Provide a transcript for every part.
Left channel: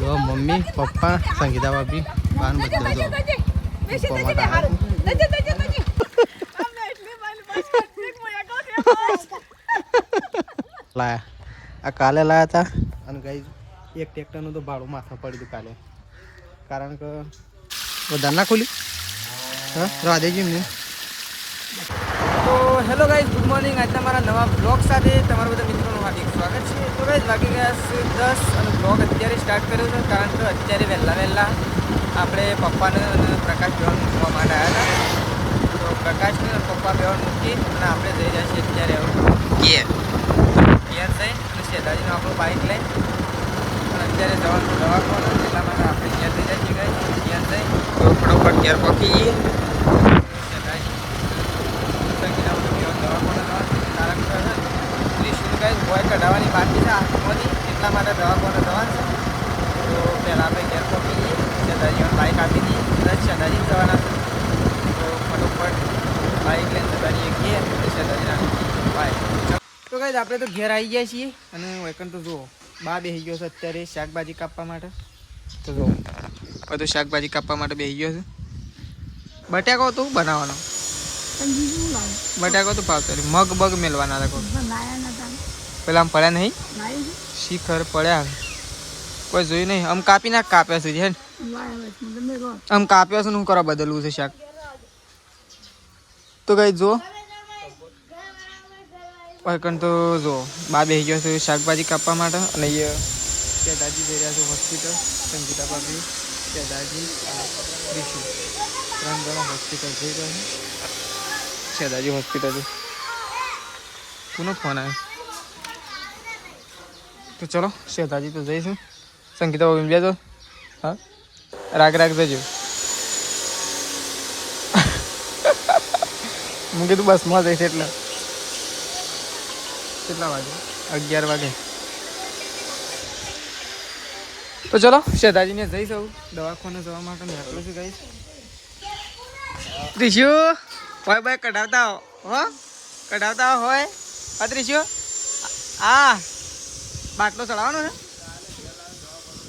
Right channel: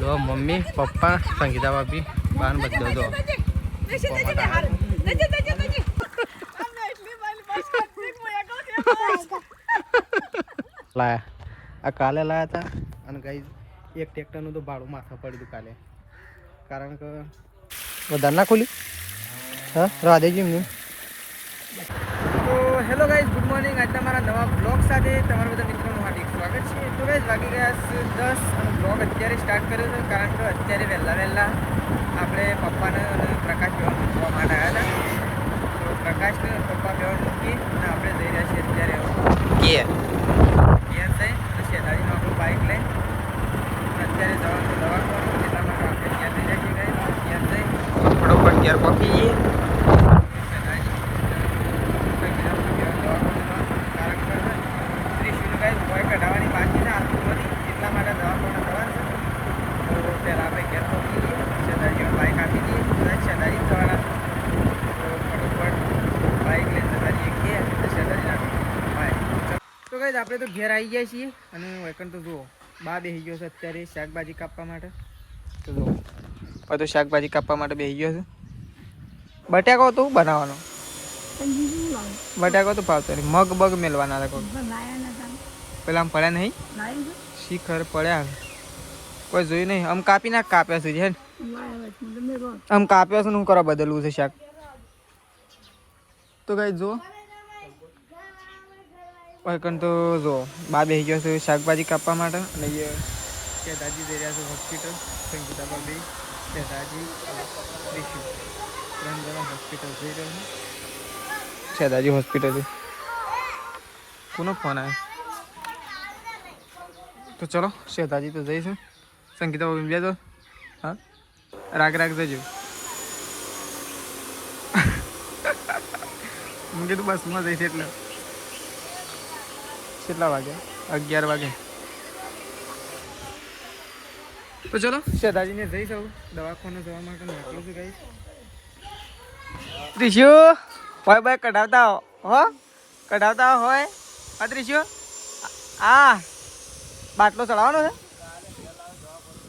જો mummy papa Sangeeta ભાભી બાન બધો જો લાયા આ કાલે લાયા હતા અને ગાઈઝ એક ટ્રેક્ટરનું તો ભાડું માથા પડ્યું કાલે કારણ કે વધારે ના ખોલી હા રાધેજી એમને. તો હેલો ગાઈઝ, ગુડ મોર્નિંગ. આજના મારા નવા બ્લોગ સાથે તમારા બધા મિત્રોનું હાર્દિક સ્વાગત છે. તો ગાઈઝ વાગી ગયા છે 10 અને બ્લોગ અત્યારે સ્ટાર્ટ કર્યો છે કારણ કે અત્યારે વહેલા આપણે પપ્પાને અને પ્રકાશ બેવાનું જોવા માટે આવ્યા હતા. તો પ્રકાશને પપ્પા બેવાનું મૂકી અને આપણે જઈ જાય છીએ અત્યારે ઘેર જઈ અને શેતાજીનું આપણું બાઇક લઈ અત્યારે જવાનું દવાખાનું એટલા માટે આપણે ઘેર જઈ જાય છીએ. ઘેર જઈ એવું ફટોફટ ઘેર પહોંચી જઈએ. ભોય કઢાવવાની બાકી છે આંખોમાંથી એટલા માટે દવાખાને જવાનું છે. તો પહેલાં આપણે ઘેર પહોંચી જઈએ, શેતાજીને બાઇક આપી દઈએ, કદાચ શેતાજી જવાના છે. તો ફટોફટ બાઇક લઈને શેતાજી એકીએ શેતાજીને આપી દઈએ બાઇક. તો ગાઈઝ આપણે તો ઘેર આવી ગયા છીએ અને વેકન તો જુઓ બા બેસી ગયો છે અત્યારે શાકભાજી કાપવા માટે. તો જુઓ બધું શાકભાજી કાપવા માટે બેસી ગયો છે. બટાકો તો બનાવવાનો બટાકો તો ભાવતો નહીં, મગ બગ મેળવાના હતા. પેલા આમ પડ્યા નહીં શીખર પડ્યા કોઈ જોયું નહીં. આમ કાપી નાખ કાપ્યા છે હે આમ કાપ્યા છે ને હું કરવા બદલવું છે શાક. તો કઈ જો વાયકણ તો જો બા બેસી ગયો છે શાકભાજી કાપવા માટે અને એ દાદાજી જઈ રહ્યા છે હોસ્પિટલ. સંગીતા ભાભી દાદાજી અને ઋષિ 3 જણા હોસ્પિટલ જઈ રહ્યા છે. દાદાજી હોસ્પિટલ કોનો ફોન આવ્યો? તો ચલો શેતાજી તો જઈશું. સંગીતા બાબી બેજો. હા રાગ જજો. હું કીધું બસમાં જઈશ એટલે કેટલા વાગે? 11 વાગે. તો ચલો શેતાજીને જઈશ આવું દવાખાને જવા માટે નીકળું છું. ગઈશ ત્રીજું હોય ભાઈ કઢાવતા હો કઢાવતા હોય ત્રીજું હા બાટલો ચડાવવાનો છે.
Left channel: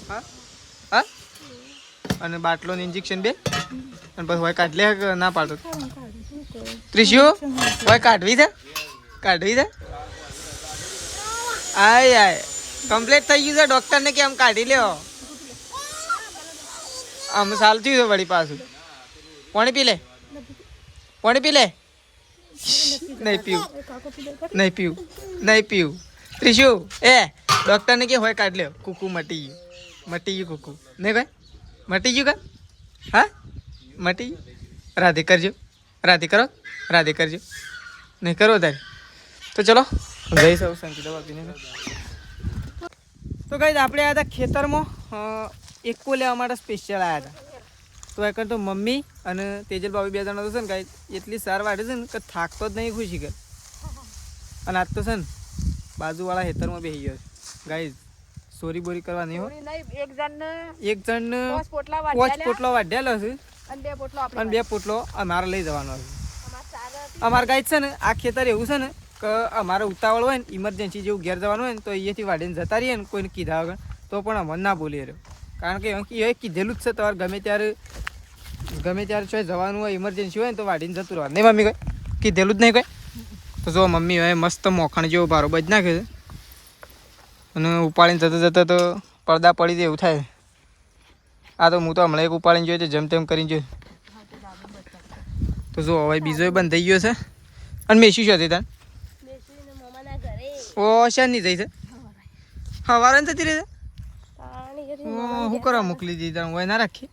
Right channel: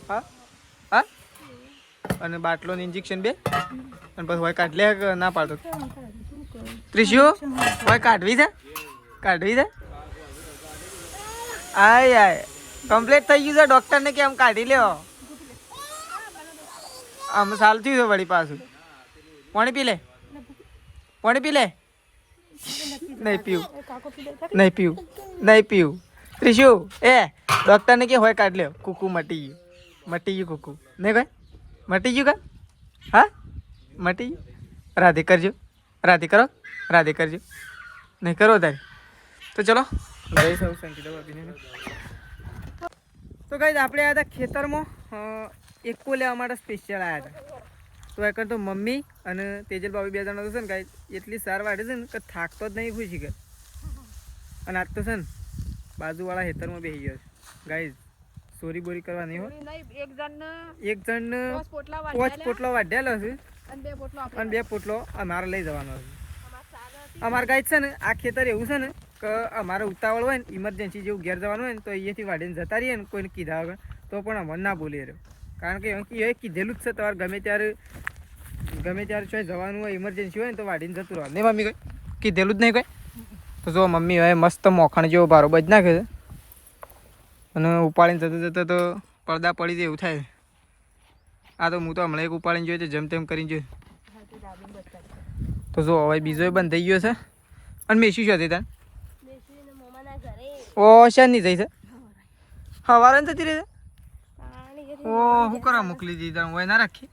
હા હા અને બાટલો ને ઇન્જેક્શન 2 અને પછી હોય કાઢ લે ના પાડતો. ત્રીજું હોય કાઢવી છે આય કમ્પ્લીટ થઈ ગયું છે. ડૉક્ટરને કે આમ કાઢી લ્યો આમ સાલ થયું છે વળી પાછું. પાણી પી લે નહીં પીવું ત્રીજું ડૉક્ટરને કે હોય કાઢ લ્યો. કુકુ મટી ગયું કુકુ નહીં ભાઈ મટી ગયું કા હા મટી ગયું. રાધે કરજો નહીં કરો તારે. તો ચલો જઈશ આવું સંગીતા બાબીને. તો ગાઈઝ આપણે આવ્યા હતા ખેતરમાં એકો લેવા માટે સ્પેશિયલ આવ્યા હતા. તો એ કરતો મમ્મી અને તેજલ બાબી 2 જણા તો છે ને ગાઈઝ એટલી સાર વાટે છે ને કે થાકતો જ નહીં ખુશી કર. અને આજ તો છે ને બાજુવાળા ખેતરમાં બેસી ગયો છે. ગાઈઝ ચોરી બોરી કરવા નહીં હોય. એક જણ 5 પોટલો વાઢેલો છે અને 2 પોટલો અમારે લઈ જવાનો છે. અમારે ગાઈઝ છે ને આ ખેતર એવું છે ને કે અમારે ઉતાવળ હોય ને ઇમરજન્સી જેવું ઘેર જવાનું હોય ને તો અહીંયાથી વાઢીને જતા રહીએ ને કોઈને કીધા વગર તો પણ અમને ના બોલી રહ્યો. કારણ કે એ કીધેલું જ છે તમારે ગમે ત્યારે છો જવાનું હોય ઇમરજન્સી હોય ને તો વાઢીને જતું રહેવાનું નહીં. મમ્મી કોઈ કીધેલું જ નહીં કોઈ. તો જો મમ્મી હવે મસ્ત મોખણ જેવો બારો બજ નાખે છે અને ઉપાડીને જતા તો પડદા પડી જાય એવું થાય. આ તો હું તો હમણાં એક ઉપાડીને જોયો છે જેમ તેમ કરીને જોયું. તો જો હવે બીજો બંધ થઈ ગયો છે. અને મેસી શું હતી તાર ઓ શાની થઈ છે સવારે ને થતી રહે છે. ઓ શું કરવા મોકલી દીધી તાર હોય ના રાખી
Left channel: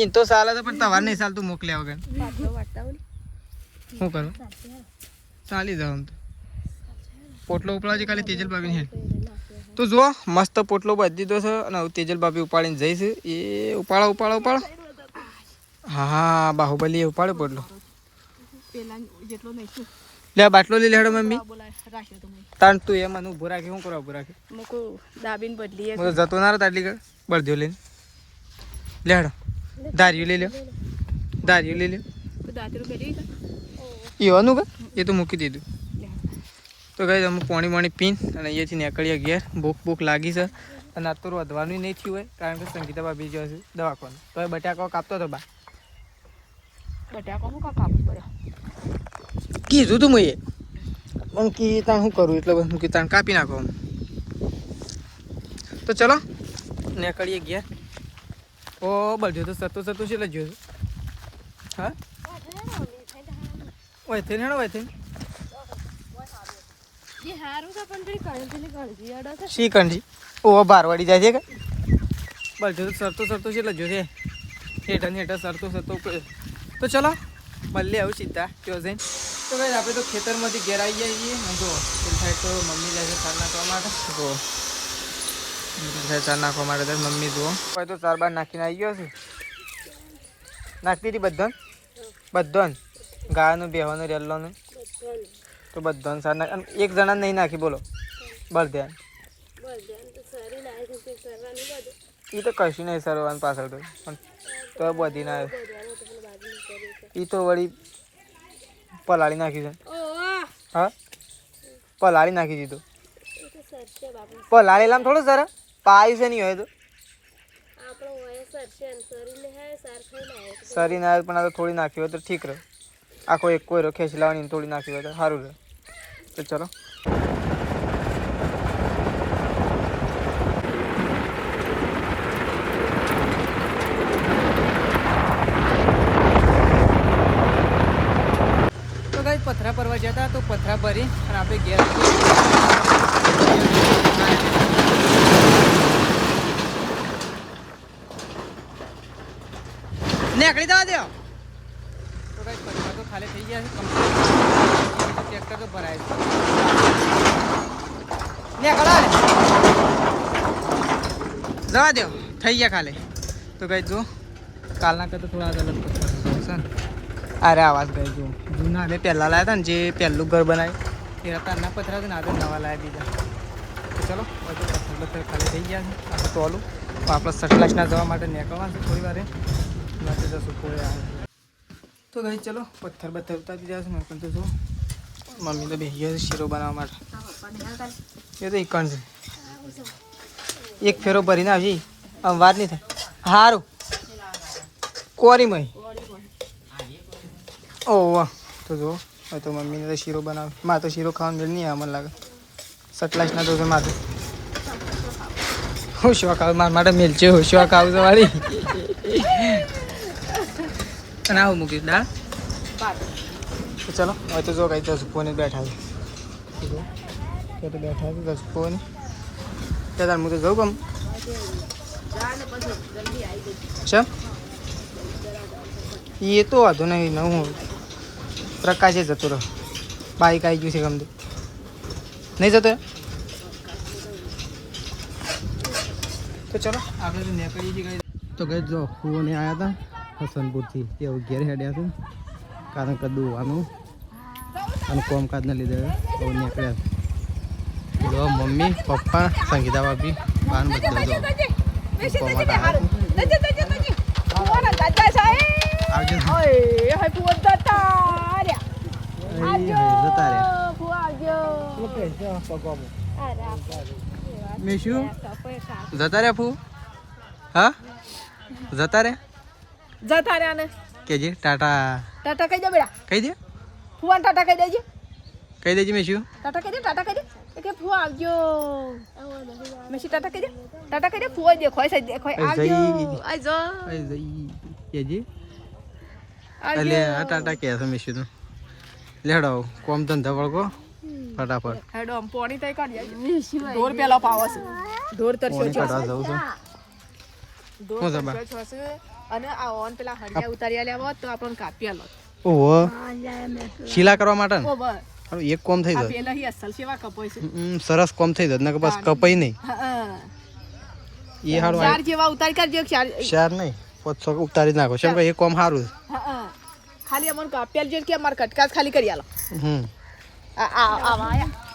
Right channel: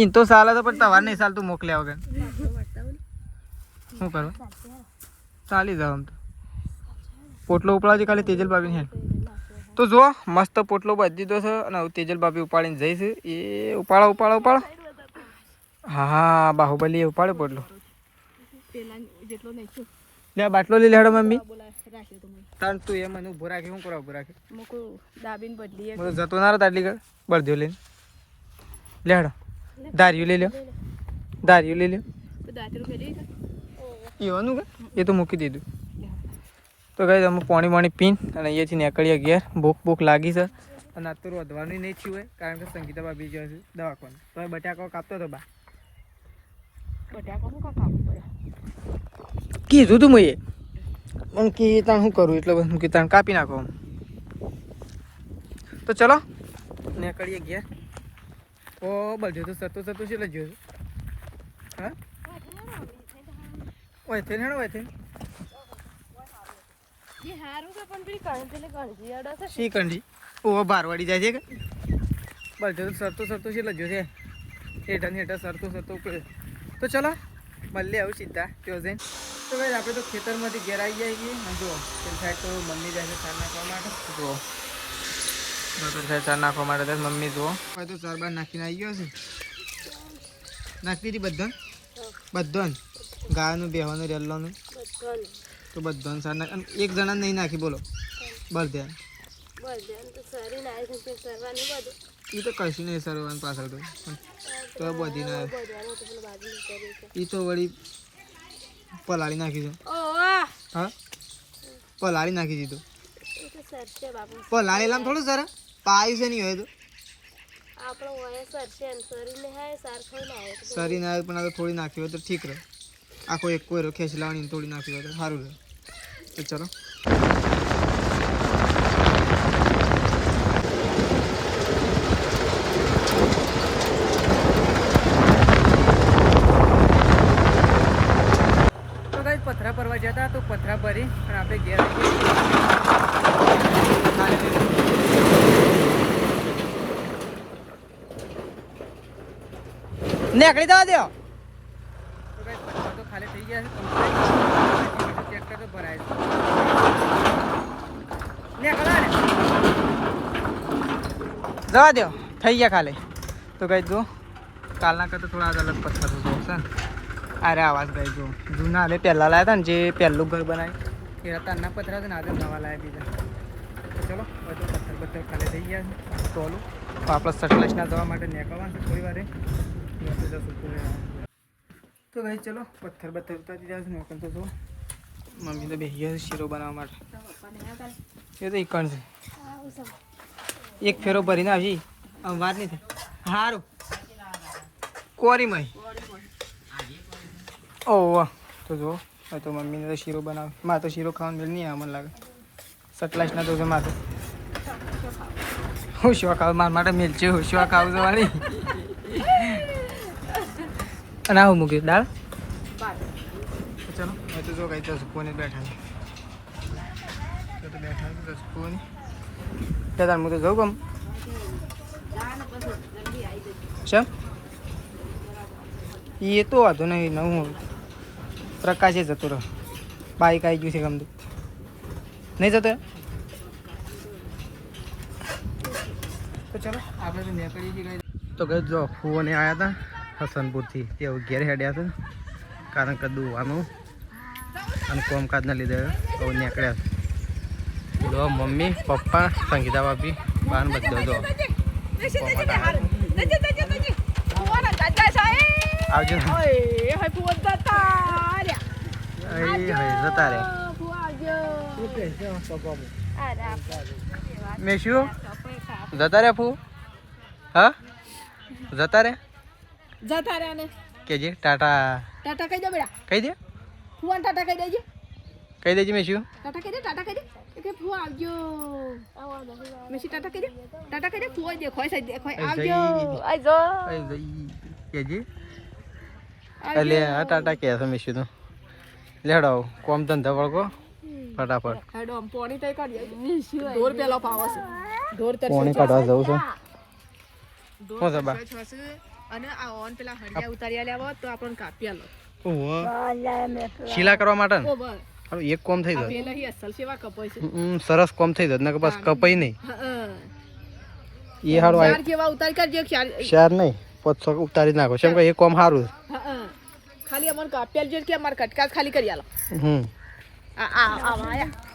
ઈ તો સાલ તો પણ તવાર નહીં સાલ તું મોકલ્યા વગર શું કરવા ચાલી જાવ. આમ તો પોટલો ઉપાડવા ખાલી તેજલ બાબીને હેડ. તો જુઓ મસ્ત પોટલો બાંધી દીધો છે અને તેજલ બાબી ઉપાડીને જઈશ. એ ઉપાડો હા બાહુબલી ઉપાડ્યો પોટલો. લે બાટલો લઈ લેડો મમ્મી તાણ તું એ મને ઉભો રાખી શું કરવા ઉભો રાખી જતો ના તાટલી કર બળદ્યો લઈને લેડો. ધાર્યું લઈ લ્યો એવાનું કે એ તો મૂકી દીધું. તો કઈ અમે પાણી પીને અને અહીંયાથી નીકળીએ ઘેર. ભૂખ લાગી છે અને આ તો વધવાનું નહીં થયું હોય કારણ કે સંગીતા ભાભી જો છે દવાખાને. તો એ બટાકો કાપતો હતો બા. બટાકો શું કાપવું પડે? કીધું તું મેં એમ કે તાણ શું કરું એટલે હું કે તાણ કાપી નાખો. તો ચલો નીકળીએ ઘેર. ઓ બળજો તો સરતો છે એટલે જોયું. હા ઓય થઈને હેડો ઓય થઈને. શી કંઠી? ઓ બારવાડી જાય છે કે બળજો તો સરતો છે એટલે જોશે. હેઠા સરતો તો ચલો મળીએ આવું સીધા ત્યાં જઈને. તો કઈ આપણે તો ખેતરમાંથી ઘેર આવી જઈએ છીએ. જો પેલી સાઈડ તો મમ્મી જાય છે સાર નાખવા માટે. જો સાર નાખવા માટે મમ્મી જુઓ હોય તો 4 બાર નાખીને આવી ગયો છે. નાખતી હતી બધો ગાયનું બેહવાનું રેલ્લોનું તો બધો સાર નાખ. અને એક જણા નહીં નાખી બોલો બસ ધ્યાન એ તો કશું નહીં સરવાનું પાછળ તો પણ તો બધી ના એ તો વળી પલાળી નાખી છે. હા પલાળી નાખી દીધું. પલાળેલામ થોડું સર પાયું છે નહીં હોય તો સરી ના પણ આ તો થોડી નાખી હોય તો ઠીક રહે. આખો એક કોઈ ખેંચી લાવવાની થોડી નાખી હોય તો સારું રહે. તો ચલો પથરા ભરવા જતા તો પથરા ભરી અને આપણે ઘેર નીકળી જવા દો. તો કઈ પથરા તો ખાલી થઈ ગયા છે. ટ્રેક્ટર તો ભરાય છે. જવા દો થઈ ગયા ખાલી. તો કઈ જો કાલના કરતા થોડા અલગ પથ્થર છે ને. અરે આવાજ ગઈ જો જૂના અમે પહેલાં લાવ્યા હતા ને જે પહેલું ઘર બનાવ્યું એ રતાના પથરા છે ને આજે નવા લાવ્યા બીજા. તો ચલો હવે તો પથ્થર ખાલી થઈ ગયા છે. આપણે ટોલું તો આપણે સટલાસના જવા માટે નીકળવાનું છે થોડી વારે ત્યાંથી જશું પોળે આવે. તો ભાઈ ચલો પથ્થર ઉતારી દીધા છે. મેં પણ તો જો મમ્મી તો બેસી ગયા છે શીરો બનાવવા માટે. એ તો ઇકણ છે એક ફેરો ભરીને આવશે આમ વાર નહીં થાય. સારું કોરીમય ઓહ તો જો હવે તો મમ્મીને તો શીરો બનાવે. મારે તો શીરો ખાવાનું મેળ નહીં આવે મને લાગે. સટલાસના તો છે મારે હું શોખ આવું મારા માટે મેળ છે. હું શોખ આવું તમારી અને આવું મૂક્યું દાળ. તો ચલો હવે તો જો કઈ જસફોને બેઠા છે. તો બેઠા છે જસફોને ત્યાં હું તો જઉં કમ છે એ તો વાંધો નહીં. નવું પ્રકાશે જતો રહ્યો. બાઈક આવી ગયું છે ગમતું નહીં જતો. તો ચલો આપણે તો નીકળીએ છીએ. તો ગઈ જો ફુઓને આવ્યા હતા હસનપુરથી તેઓ ઘેર હેડ્યા હતા કારણ કે દુવાનું અને કોમકાજના લીધે તો નીકળ્યા હતા. જો મમ્મી પપ્પા સંગીતા ભાભી બહાર બધો જો મૂકવા માટે આવ્યા આવજો જતા મેં શું જતા રહ્યા ફૂ? હા જતા રહ્યા ને કેજે ટાટા કહી દે બેટા. કહી દે ફુવાન ટાટા કહી દેજે. કહી દેજે મેં શું ટાટા કહી દે કે ફુવા આવજો. મેં શું ટાટા કહી દે ફુવા દેખો આવજો આવજો કેજે. અલે આ ટાટા કે છે મેં શું તો લેડો કોમ ધંધા વળગો ફટાફટ. હેડો પાણી તઈ કાઢી ઢોર પેલા પાવા છે. ઢોર તરસો પાણી કાઢવા જાવ છો. ઢોર તરસો છે અને આ ઓન પેલા હરિયા ઉતારી આલ્યા તો આપણને કાપી આલો. ઓહો શીલા કરવા માટે ને. ઓહો એક કોમ થઈ જાય. પેલા હી અસલ સેવા કપાય છે. સરસ કોમ થઈ જાય નકર બસ કપાઈ નહીં. એ હાડો ચાર જેવા ઉતારી કાઢજો. ચાર નહીં 500 ઉતારી નાખો કેમ કે એ કોમ સારું. ખાલી અમન કાપ્યાલ જે કે માર કટકાસ ખાલી કરી આલો.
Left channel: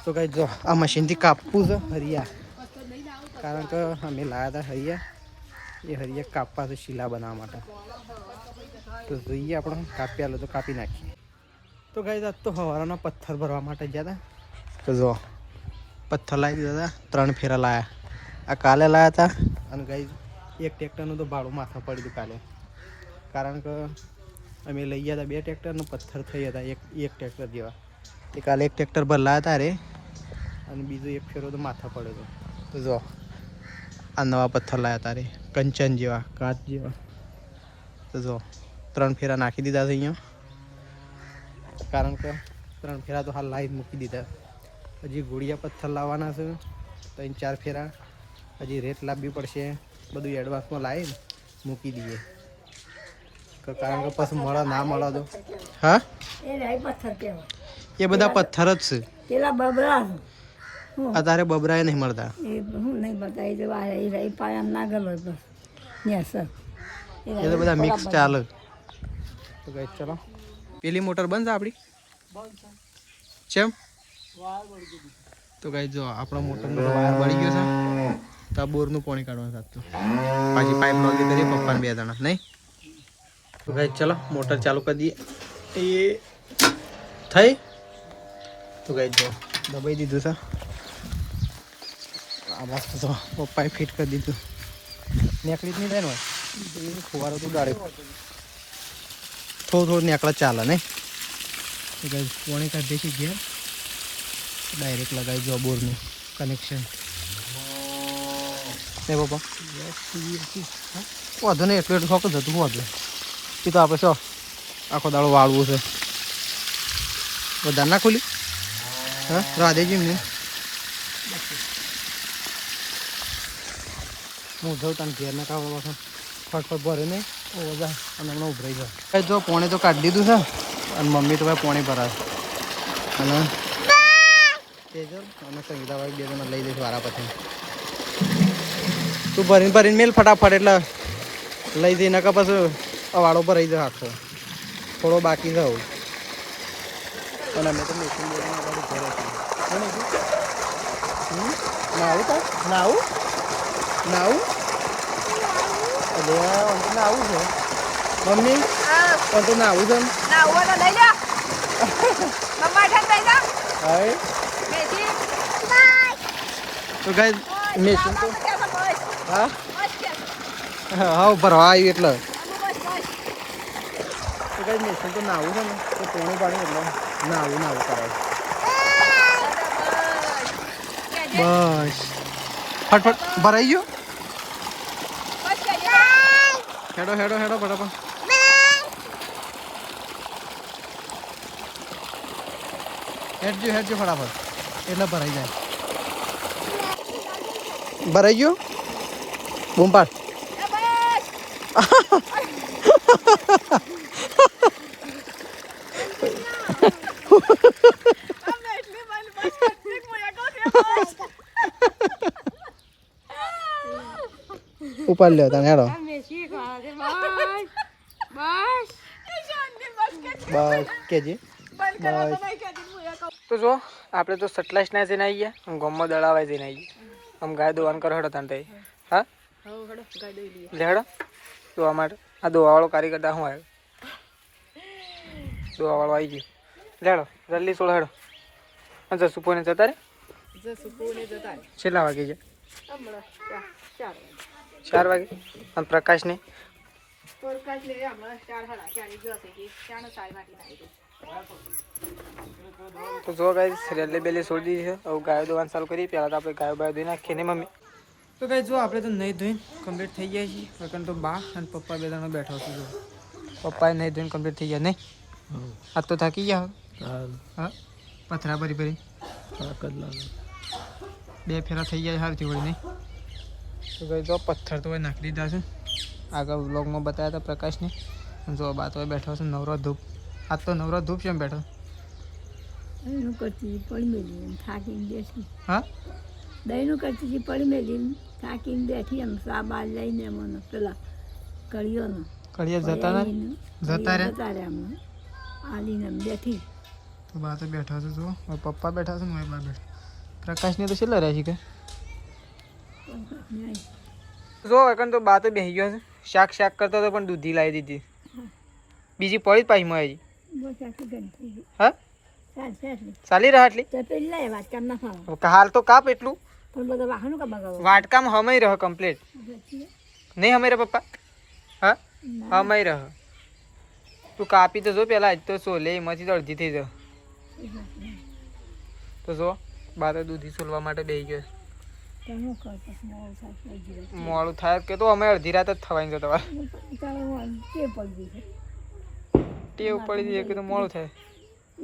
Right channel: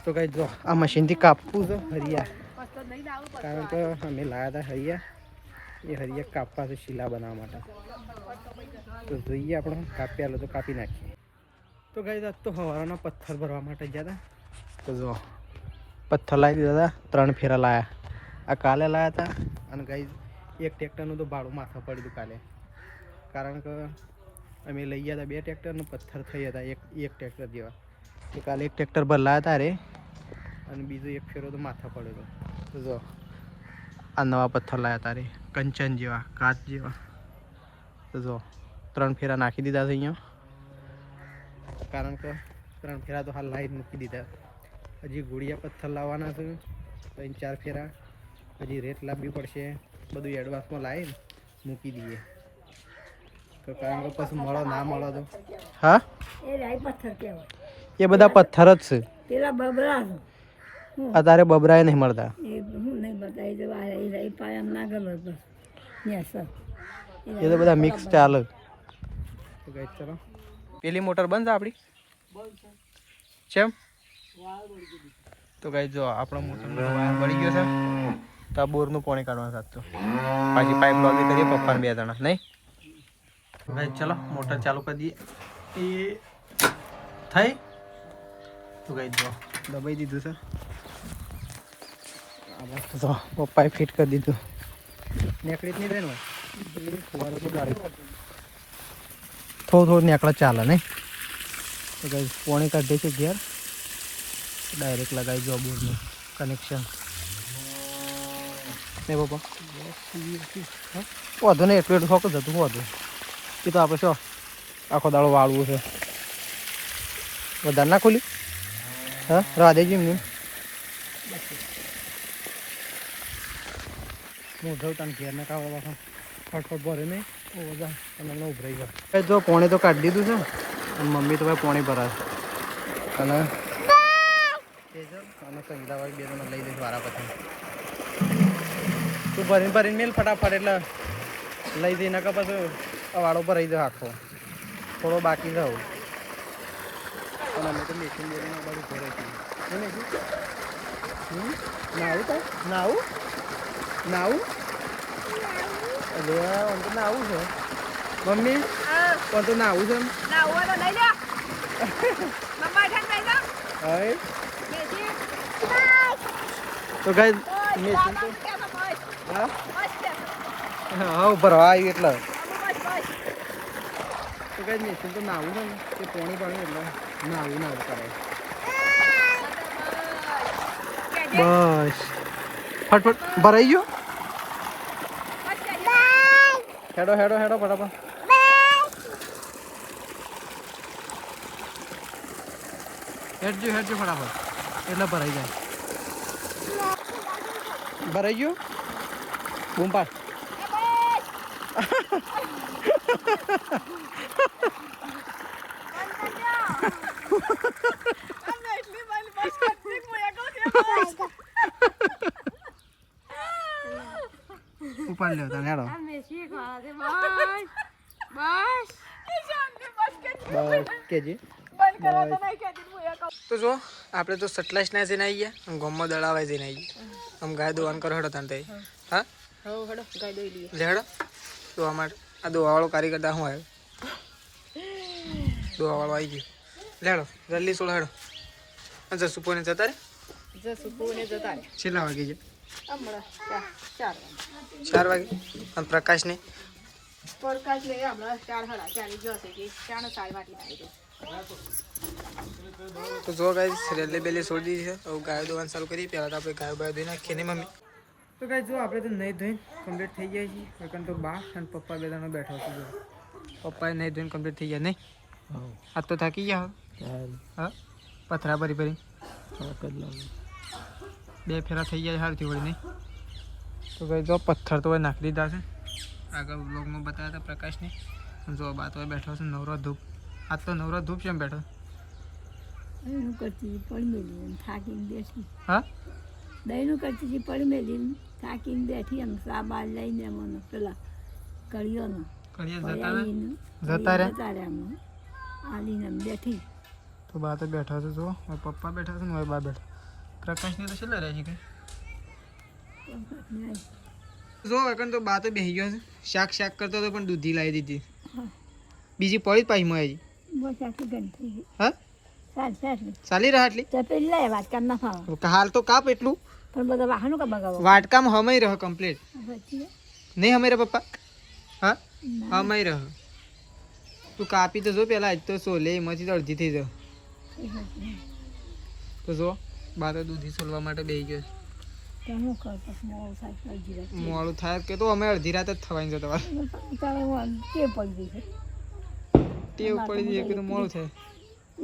તો કઈ જો આ મશીનથી કાપવું છે હરિયા કારણ કે અમે લાવ્યા હતા હરિયા. એ હરિયા કાપવા છે શીલા બનાવવા માટે. તો જોઈએ આપણે કાપ્યા લો તો કાપી નાખીએ. તો ગાઈસ આજ તો હવારના પથ્થર ભરવા માટે ગયા હતા. તો જો પથ્થર લાવી દીધા હતા, 3 ફેરા લાયા. આ કાલે લાયા હતા અને ગાઈસ એક ટ્રેક્ટરનું તો ભાડું માથા પડી હતું કાલે, કારણ કે અમે લઈ ગયા હતા 2 ટ્રેક્ટરનું પથ્થર થઈ હતા એક ટ્રેક્ટર જેવા. એ કાલે એક ટ્રેક્ટર પર લાયા હતા રે, અને બીજો એક ફેરો તો માથા પડ્યો હતો. જો આ નવા પથ્થર લાયા હતા રે, કંચન જેવા, કાચ જેવા. તો જો 3 ફેરા નાખી દીધા છે અહીંયા, કારણ કે 3 ફેરા તો હાલ લાઈન મૂકી દીધા. હજી ગોળિયા પથ્થર લાવવાના છે 3-4 ફેરા, હજી રેત લાવવી પડશે. બધું એડવાન્સમાં લાવીને મૂકી દઈએ, કારણ કે પછી મળે ના મળે તો. હા એ બધા પથ્થર જ છે. પેલા બબરા અત્યારે બબરાએ નહીં મળતા. એ તો બધા મિક્સ ચાલે. તો ગાઈસ ચલો, પેલી મોટર બંધ છે આપણી. કેમ? તો ગાઈસ જો આપણો મોટર વાયર બળી ગયો છે, તો આ બોરનું પાણી કાઢવાનું થતું. પાછી પાઇપ લોગી કરીએ પપ્પાને 2 જણા નહીં. તો ગાઈસ ચલો મોટર ચાલુ કરી દઈએ. એ થઈ. તો ગાઈસ જો દબાઈ દીધું છે. મસ્ત તો પપ્પાએ ફિટ કરી દીધું. નેકળી જ નહીં જાય ને ફુવારો તો ગાડી થોડું નેકળા ચાલે નહીં. તો ગાઈસ પાણી કાઢી છે ઘેર, ડાયરેક્ટ લગાવી દો બોરનું કનેક્શન. ને પપ્પા વાંધો નહીં, એટલું શોખ જ હતું. વાંધો એ તો આપણે શું આખો દાડો વાળવું છે. વધારે ના ખુલી? હા રાધેજી એમને હું જાઉં તને ઘેર ના કાવડા પાછા ફટફટ ભરે ને બધા અને હમણાં ઉભરાઈ જાય. જો પોણી તો કાઢી દીધું છે, અને મમ્મી તો ભાઈ પોણી ભરાય. અને તેજલ અને સંગીતાવાળી 2 જણા લઈ લઈશ વારા પછી. તું ભરીને મેલ ફટાફટ, એટલે લઈ જઈને કે પછી વાળો પર રહી જાય આખો. થોડો બાકી જાઉં અને અમે તો મેશીન બેસીને આ બાજુ ઘરે છીએ. નાવું તા નાવું નાવું એટલે આમ તો નાવું છે મમ્મી, પણ તો નાવું છે હવે. તો ગાઈસ મેશીન તો હા ભરવા આવ્યું એટલે. તો ગાઈસ મેશીન તો નાવું છે ને, તે પોણી પાણી એટલે નાવું કરે. બસ ફટફટ ભરાઈ ગયો. હેડો ફટાફટ. હેડજો ફટાફટ, એટલે ભરાઈ જાય. ભરાઈ ગયો. બૂમ પાડ. ઉપાડ લ્યો તને. હેડો બસ કેજી બસ. તો જો આપણે તો સટલાઈસ ના જઈને આવી ગયા, ગામમાં દળાવા જઈને આવી ગયા. આમ ગાય દોવાનું કરો હેડો તને. હા લે હેડો દોવા માટે. આ દોવાવાળો કારીગર શું આવ્યો? દોવાવાળો આવી ગયો. લેડો જલ્દી સોળ હેડો. જસુપોને જતા રે. કેટલા વાગે છે? 4 વાગે. અને પ્રકાશને તો જો ગાઈસ રેલી બેલી છોડી દીધી છે. હવે ગાયો દોવાનું ચાલુ કરીએ. પહેલાં તો આપણે ગાયો બાયો ધોઈ નાખીએ ને મમ્મી. તો ગાઈસ જો આપણે તો નહીં ધોઈને કમ્પ્લીટ થઈ ગયા છીએ. કારણ તો બા અને પપ્પા 2 જણા બેઠો છું. જો પપ્પાએ નહીં ધોઈને કમ્પ્લીટ થઈ ગયા નહીં. આજ તો થાકી ગયા. હા પથરા ભરી 2 ફેરા થઈ ગયા સારથી વળી નહીં. તો ભાઈ જો પથ્થર તો નાખી દીધા છે. આગળ વ્લોગમાં બતાવ્યા હતા પ્રકાશને. જો બા તો બેઠો છે નવરો ધૂપ. આજ તો નવરો ધૂપ છે એમ બેઠો. થાકીને બેઠી. હા દહીંનું કરતી પડી મેલી થાકીને બેઠી. એમ સાબા લઈને મને પેલા કળીઓનો જતા રહ્યા આલીને બેઠી. તો બા તો બેઠા છે. જો પપ્પા બેઠા છે ને બા બેઠા. પ્રકાશને તો છેલ્લા રહ્યા છે કે જો એકન તો બા તો બેસી ગયો છે. શાક કરતો હતો પણ દૂધી લાવી દીધી. બીજી પડી જ પાછી મળે. બસ આટલી ગંધ થઈ ગઈ હા સાચી ચાલી રહ્યા આટલી તો પેલી લાય વાટકામ ના ખાવા હાલ તો કાપ એટલું પણ બધા વાહનો કા બગાવો વાટકામ હમાઈ રહ કમ્પ્લીટ પછી નહીં હમાઈ રહ પપ્પા હા ના હમાઈ રહ તું કાપી તો જો પેલા આજ તો સોલે એમાંથી તો અડધી થઈ જાય એ સાચી. તો જો બારે દૂધી સોલવા માટે બેસી ગયો તો હું કર પછી મોડું થાય તો અડધી રાત. મોડું થાય કે તો અમે અડધી રાત જ થવાની છે તમારે તારે હું તે પડી ગઈ છે ટેવ પડી જઈએ કે તો મોડું થાય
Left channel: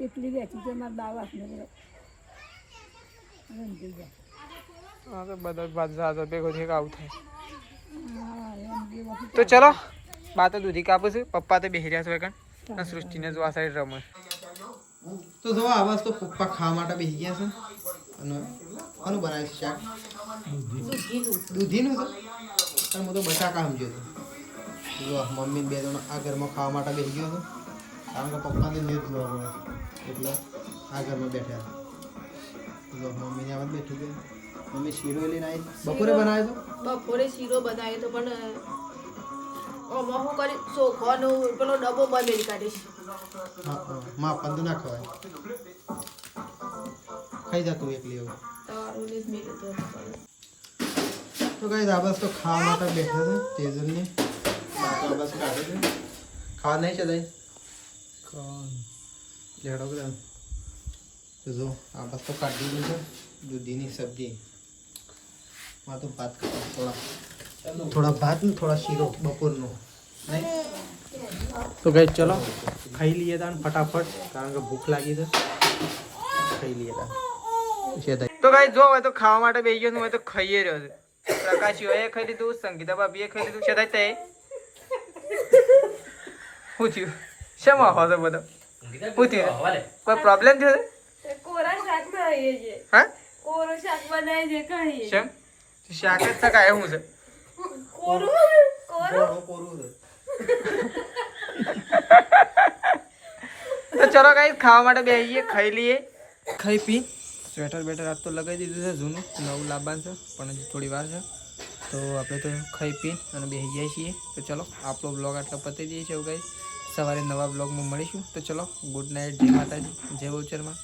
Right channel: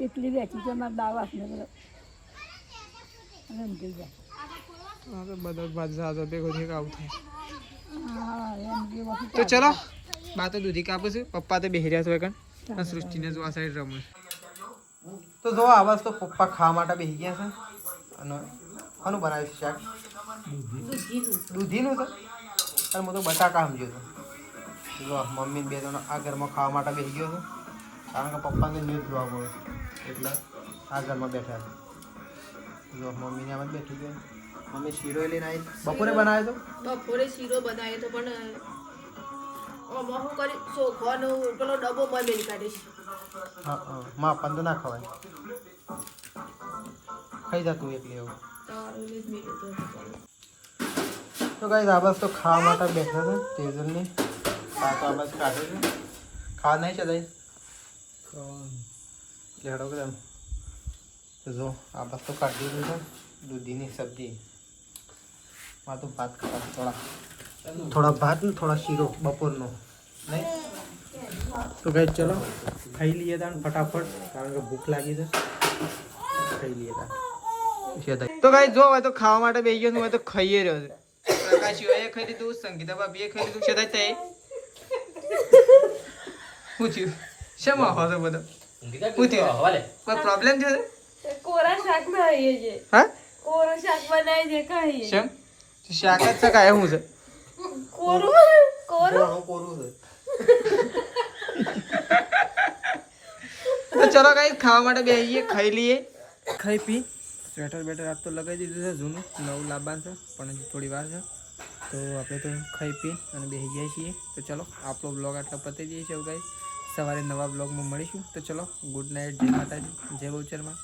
એકલી બેઠી છે મારા દાવા ને રંધી જાય હા તો બધા બાદ ભેગો થઈ આવું થાય હા રંધી વખત તો ચલો બા તો દૂધી કાપું છું પપ્પા તો બેસી રહ્યા છે અને સૃષ્ટિને જો આ સાઈડ રમે તો જો આવાજ તો પપ્પા ખાવા માટે બેસી ગયા છે અને કોનું બનાવ્યું છે શાક દૂધીનું છે અને હું તો બટાકા સમજ્યો હતો જો મમ્મી બે જણ આ ઘરમાં ખાવા માટે બેસી ગયો હતો કારણ કે પપ્પાને ન્યૂઝ જોવા મળે એટલે આ ઘરમાં બેઠા છે જો મમ્મીને આમ જ બેઠી ગઈ મમ્મી શીરો લઈને આવી બપોરે બનાવ્યો તો બપોરે શીરો બનાવ્યો તો પણ આમાં શું કરી ચોખાનો પેલો ડબ્બો બંધ કાઢીશ હા હા માં પંદ ના ખવાય ખાઈ જતું એકલી એવું તારું જ મેળ્યો તો તો ગાઈસ આ બસ તો ખાવા માટે બેઠા છે તેજલની આ બસ કાઢે છે ખાવા નહીં ચલાય લેડો કે તો જો આ બસ તો કાઢી દીધું છે દૂધીની સબ્જી માં તો ભાત ખાવા થોડા ભાત ને થોડા શીરો બપોરનો નહીં તો ગાઈસ ચલો ખાઈ લઈએ તાણ ફટાફટ કારણ કે ભૂખ લાગી છે ખાઈ લઈએ તાણ તો ગાઈસ જો હવે તો ખાવા માટે બેસી ગયો છું હવે તો ખાઈએ રહ્યો છે પ્રકાશીઓએ ખાઈ લીધું સંગીતા ભાભીએ ખાઈ લીધું સદાય તે શું થયું શેમાં આવો છો બધો શું થયું કોઈ પ્રોબ્લેમ થયો છે કોરા શાક બનાવીએ છે હા કોરું શાક બનાવી દે કહીએ શેમ શાક જ શકાય શું છે કોરું કોરું કોરું છે તો ચલો ગાઈસ ખાવા માટે બેસીએ ખાઈ લઈએ ખાઈ પી સ્વેટર બેટર આજ તો લગાવી દીધું છે જૂનું નવું લાવવાનું છે પણ હજી થોડી વાર છે તો આપણે તો ખાઈ પી અને બેસી જાય છીએ તો ચલો આપણો બ્લોગ આટલા પતી જઈએ છીએ ગાઈસ સવારે નવા બ્લોગમાં મળીશું તો ચલો ગુડ નાઇટ જય માતાજી જય બહુચરમાં